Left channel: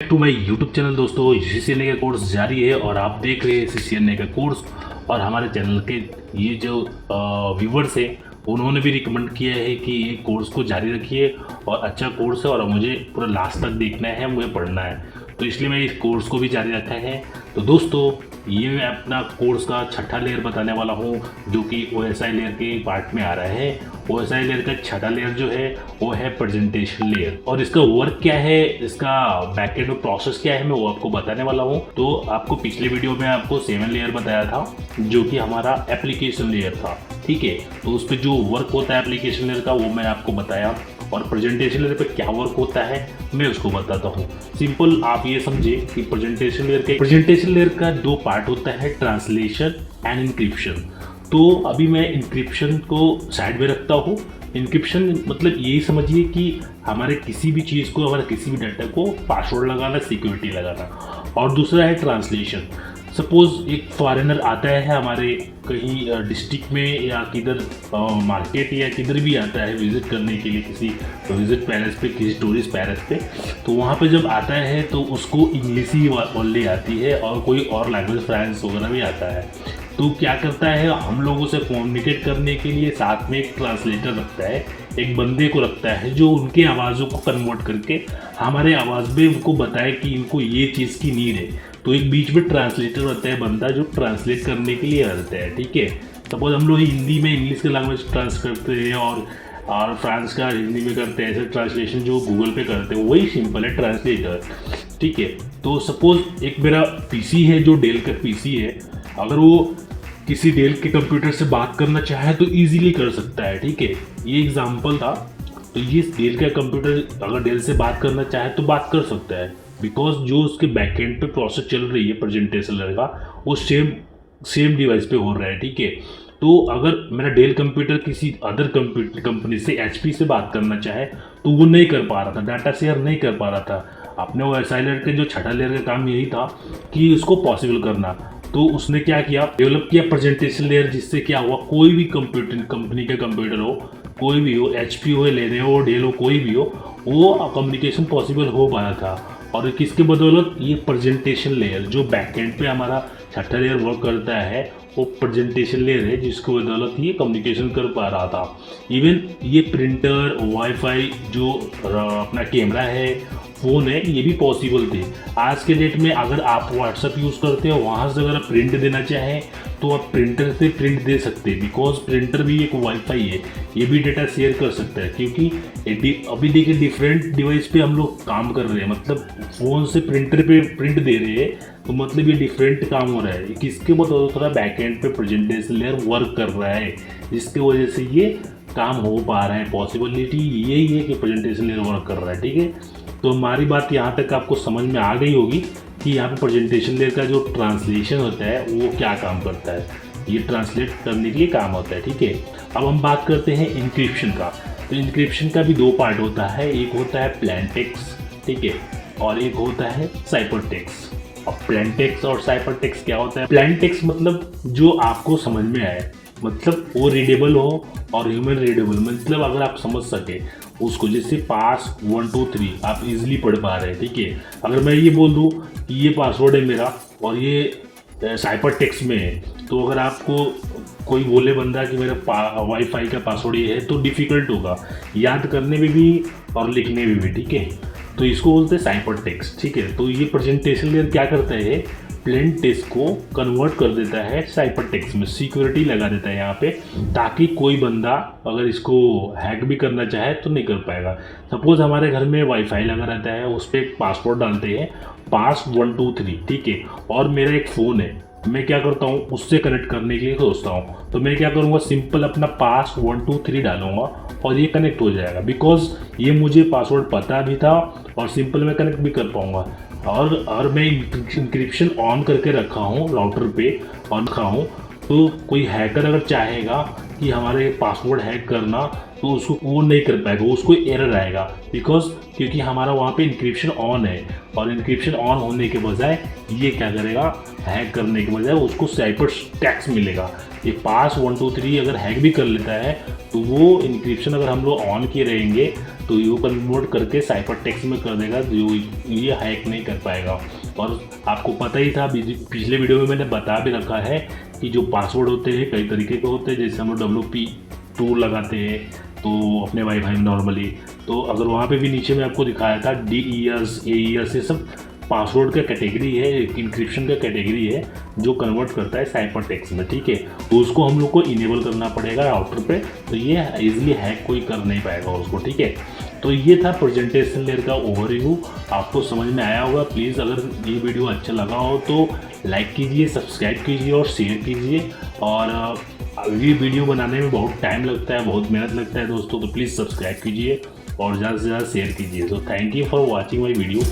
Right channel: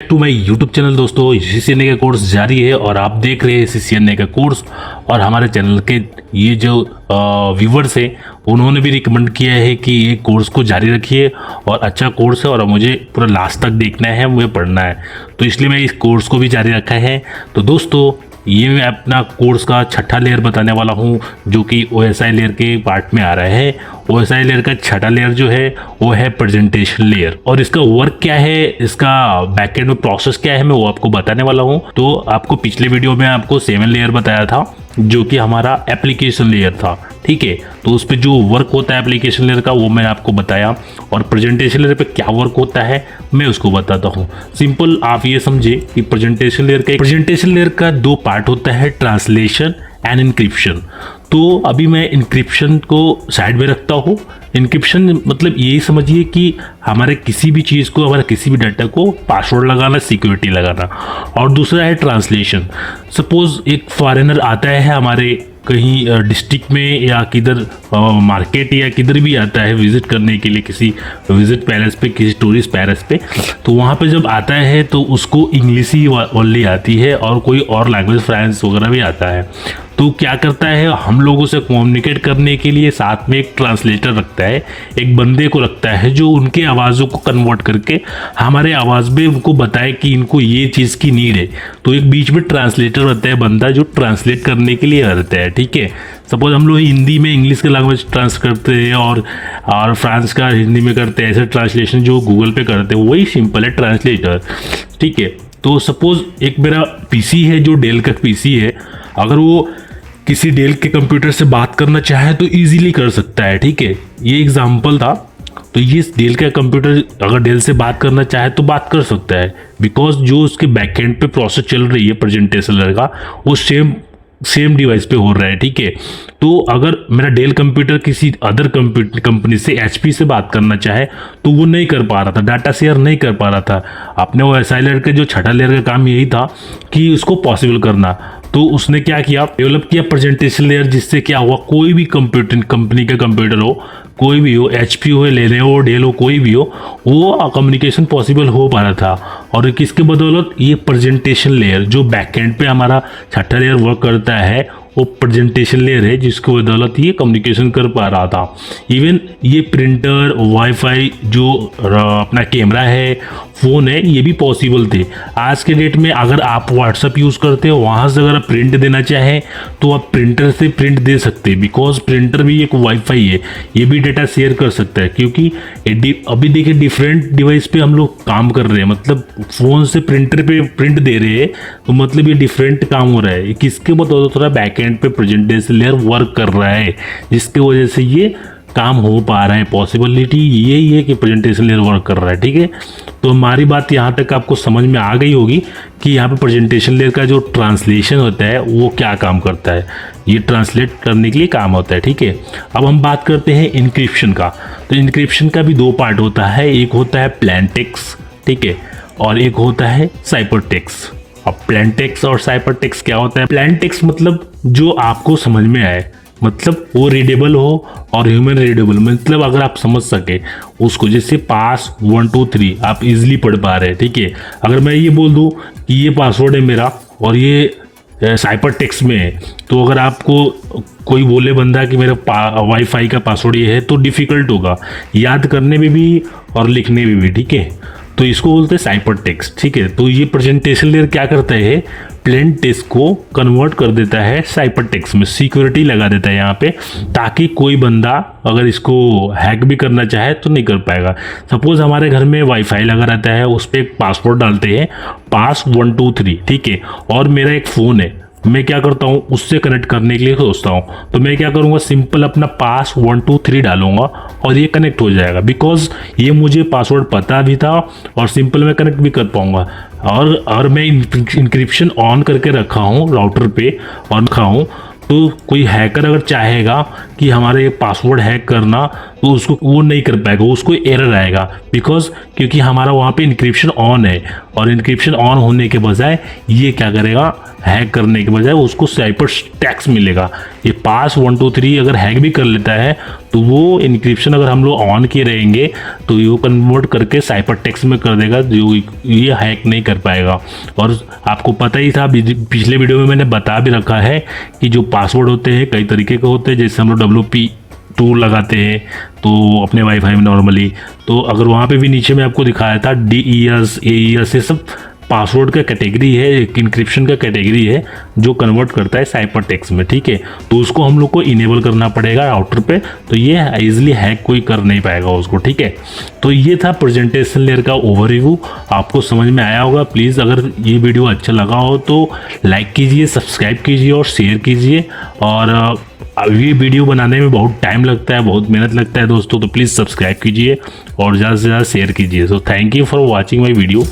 To my YouTube channel दोस्तों, CCNA का course जारी है और आप देख रहे हैं सीसीएनए का कोर्स। और हमारे चैनल के ये जो व्यूवर्स है उन्होंने भी रिकमेंड किया है कि ये कोर्स को जारी रखिए और अच्छा कोर्स है और मुझे पूरा लास्ट तक देखना है, मुझे पढ़ना है, तो इसलिए मैं इस कोर्स को भी जारी रखा है। तो दोस्तों ये मैं अपना कोर्स का छठा लेयर बताने वाला हूँ जो कि ओएसआई लेयर के पार्ट में आ रहा है। ओएसआई लेयर का छठा लेयर जो है वो है प्रेजेंटेशन लेयर, और इसका वर्क क्या है, इसका बैकएंड में प्रोसेस क्या है, मैं वो आपको बताने वाला हूँ। तो आपको पिछले वीडियो में आपको 7 लेयर बताया था जो कि हमारा एप्लीकेशन लेयर था, ठीक है। तो उस पर जो वर्क होता है एप्लीकेशन लेयर का वो मैं आपको बताया, और प्रेजेंटेशन लेयर पे क्या वर्क होता है मैं उसको बताता हूँ। सिंपल आप ये समझे कि प्रेजेंटेशन लेयर का दो पार्ट होता है, ट्रांसलेशन एंड इनक्रिप्शन। तो अभी मैं इनक्रिप्शन को साइड में रखता हूँ। इनक्रिप्शन मतलब यही समझिए कि हमारे किसी भी चीज़ को, हमारे किसी भी डाटा को पासवर्ड लगाना, सिक्योरिटी लगाना। और दूसरा है ट्रांसलेशन। सपोज एक फॉरेनर आता है हमारे कहीं डिस्ट्रिक्ट में या किधर मार्केट या किधर भी आता है विजिट करने के लिए, किसी विजिट पैलेस पे, किसी टूरिस्ट पैलेस पे, तो वहाँ पे जब आता है तो उसको इंग्लिश ही ओनली आती है और कोई और लैंग्वेज फ्रेंच वगैरह भी आता है। तो क्या करता है, हम लोगों से कम्युनिकेट करने के लिए साथ में एक ट्रांसलेटर रखता है, एक बंदे को रखता है जो उनके आवाज़ों को कन्वर्ट करके हमारे आवाज़ में उनको बताए कि इनको ये चीज़ की नीड है। तो एक बीच में ट्रांसलेटर रहता है, बंदा जो ट्रांसलेट करने के लिए रहता है, ठीक है। सपोज हम लोग हिंदी में इंग्लिश का लैंग्वेज ट्रांस करते हैं और फ्रांस का हिंदी में करते हैं, ऐसे ट्रांसलेशन जो गूगल पे करते हैं वही सिंपल है ट्रांसलेटर, ठीक है। तो सपोज एक मेरा पीसी है जो डेल का पीसी है, अगर वो किसी डेल के कंप्यूटर से बात करना चाहे तो इजीली कर सकता है, ठीक है। ये एग्जांपल था। तो ये डेल का कंप्यूटर अगर डेल से बात करना चाहे तो बात कर सकता है, बिकॉज जो उसके बैकएंड पे प्रोसेस चल रही है प्रेजेंटेशन लेयर का वो सेम डिवाइस पे हो रहा है, ठीक है। तो अगर मेरा डेल कंप्यूटर किसी अदर कंपनी से एचपी से बात करना चाहे तो वो नहीं कर पा रहा था, डाटा शेयर नहीं कर पा रहा था। अपने वो ओएसआई लेयर के जो छठा लेयर का काम यही था कि उसको पॉसिबल करना। तो उसने क्या किया, डेवलप किया प्रेजेंटेशन लेयर, जिससे क्या हुआ, कोई भी कंपनी का कंप्यूटर हो, कोई भी हो, एचपी हो, लेनोवो हो, डेल हो, कोई भी हो, वो कम्युनिकेशन पॉसिबल हो पा रहा था। और किसके बदौलत, ये प्रेजेंटेशन लेयर जो बैकएंड पे हमारा छठा लेयर वर्क करता है वो प्रेजेंटेशन लेयर है, जिसकी बदौलत ये कम्युनिकेशन कर पा रहा था। इवन ये प्रिंटर, वाईफाई, जो अपना कैमरा है, फ़ोन है, ये भी पॉसिबल थे। आज के डेट में अगर आप व्हाट्सअप यूज़ करते हो, वहाँ से अगर आप प्रिंट देना चाहें तो आप प्रिंटर से प्रिंट दे सकते हैं, बिकॉज प्रिंटर भी एक वाईफाई है, ये भी डेटा शेयर कर सकता है। क्योंकि अभी देखिए डिफरेंट डिवाइस पे हम लोग काम कर रहे हैं, मतलब फ़ोन से प्रिंटर पे प्रिंट दे रहे हैं, तो मतलब ये डिफरेंट काम हो रहा है। किसके बदौलत थोड़ा बैकएंड पे प्रेजेंटेशन लेयर वर्क कर रहा है, जिसकी वजह से ये काम हो पा रहा है। पॉसिबिलिटी यही है कि प्रेजेंटेशन लेयर वर्क कर रहा है, ठीक है। तो हमारी बात यहाँ तक आपको समझ में आ गई होगी कि यहाँ पे प्रेजेंटेशन लेयर का जो ट्रांसलेशन होता है वो क्या काम करता है, ये ट्रांसलेट करने के लिए काम होता है, ठीक है। अब हम बात करते हैं इनक्रिप्शन का। तो इनक्रिप्शन का भी दो पार्ट होता है, एक होता है प्लेन टेक्स्ट, ठीक है, और एक होता है साइफर टेक्स्ट। अब प्लेन टेक्स्ट और साइफर टेक्स्ट क्या होता है, प्लेन टेक्स्ट मतलब जो आपको समझ में आए, मतलब वो रीडेबल हो, और ह्यूमन रीडेबल मतलब अगर आप समझ सके उसको, जैसे पास 1 2 3 आप इजीली पढ़ पा रहे हैं, ठीक है। अगर मैं ये बोल दूं कि ये पासवर्ड है मेरा और ये साइपर टेक्स्ट में है, तो अगर आपको कोई बोले बंदा कि मेरा वाईफाई का पासवर्ड ये है तो डिफ़िकल्ट होगा याद करने में भी और लिखने में भी, ठीक है। तो इसको बोलते हैं साइपर टेक्स्ट, ठीक है। तो ये प्रेजेंटेशन लेयर क्या करता है, प्लेन टेक्स्ट को कन्वर्ट कर देता है साइपर टेक्स्ट में, सिक्योरिटी लगा देता है यहाँ पे, ताकि कोई बंदा अगर इसको हैक भी करना चाहे तो नहीं कर पाएगा। सपोज हमारे घर में वाईफाई लगा रहता है, उस पर एक पासवर्ड डालते हैं, पास 1 2 3, ठीक है, और मेरा एक फ़ोन है, मैं क्या करता हूँ उससे कनेक्ट करने के लिए सोचता हूँ, तो मैं क्या करूँगा, सिंपल अपना पास 1 2 3 डालूंगा और ये कनेक्ट हो जाएगा, बिकॉज ये मुझे पासवर्ड पता भी था और सिंपल मैं कनेक्ट भी कर पाऊंगा। और मैं इंक्रिप्शन ऑन करके रखा हूँ राउटर पे और रखा हूँ, तो कोई हैकर अगर चाहेगा कि हमारे पासवर्ड हैक करना, तो उसको वो नहीं कर पाएगा, उसको एरर आएगा क्योंकि हमारा वहाँ पे इंक्रिप्शन ऑन है, और इंक्रिप्शन ऑन होने के बजाय ये क्या करेगा, हैक करने के बजाय उसको साइपर टेक्स्ट मिलेगा। ये पास 1 2 3 अगर हैक भी कर लेता है तो वो इंक्रिप्शन अगर हम लोग ऑन किए रहेंगे तो ये कन्वर्ट करके साइपर टेक्स्ट में कर देगा, जो ये हैक नहीं कर पाएगा। और आपको पता ही था, पिछले वीडियो में मैंने बता भी रखा है कि जो पासवर्ड होते हैं कई तरीके के होते हैं। जैसे हम लोग WP2 लगाते हैं तो अपने वाईफाई में नॉर्मली, तो अगर वहाँ पे भी नीचे में आपको दिखाया था DES AES, ये सब पासवर्ड का कैटेगरी है, एक इंक्रिप्शन का कैटेगरी है जो कन्वर्ट करता है साइपर टेक्स्ट में, ठीक है। तो उसको हम लोग को इनेबल करना पड़ेगा राउटर पे, तो ये इजीली हैक कोई कर नहीं पाएगा उसको, ठीक है। तो ये था प्रेजेंटेशन लेयर का ओवरव्यू, आपको समझ में आया होगा। प्लीज़ अगर ये वीडियो अच्छा लगा हो तो लाइक कीजिए, सब्सक्राइब कीजिए और शेयर कीजिए। और ये वीडियो बनाने में बहुत टाइम लगता है, बहुत मेहनत लगता है दोस्तों, तो प्लीज़ सब्सक्राइब कीजिए और ज़्यादा से ज़्यादा शेयर कीजिए। So thank you for watching my video.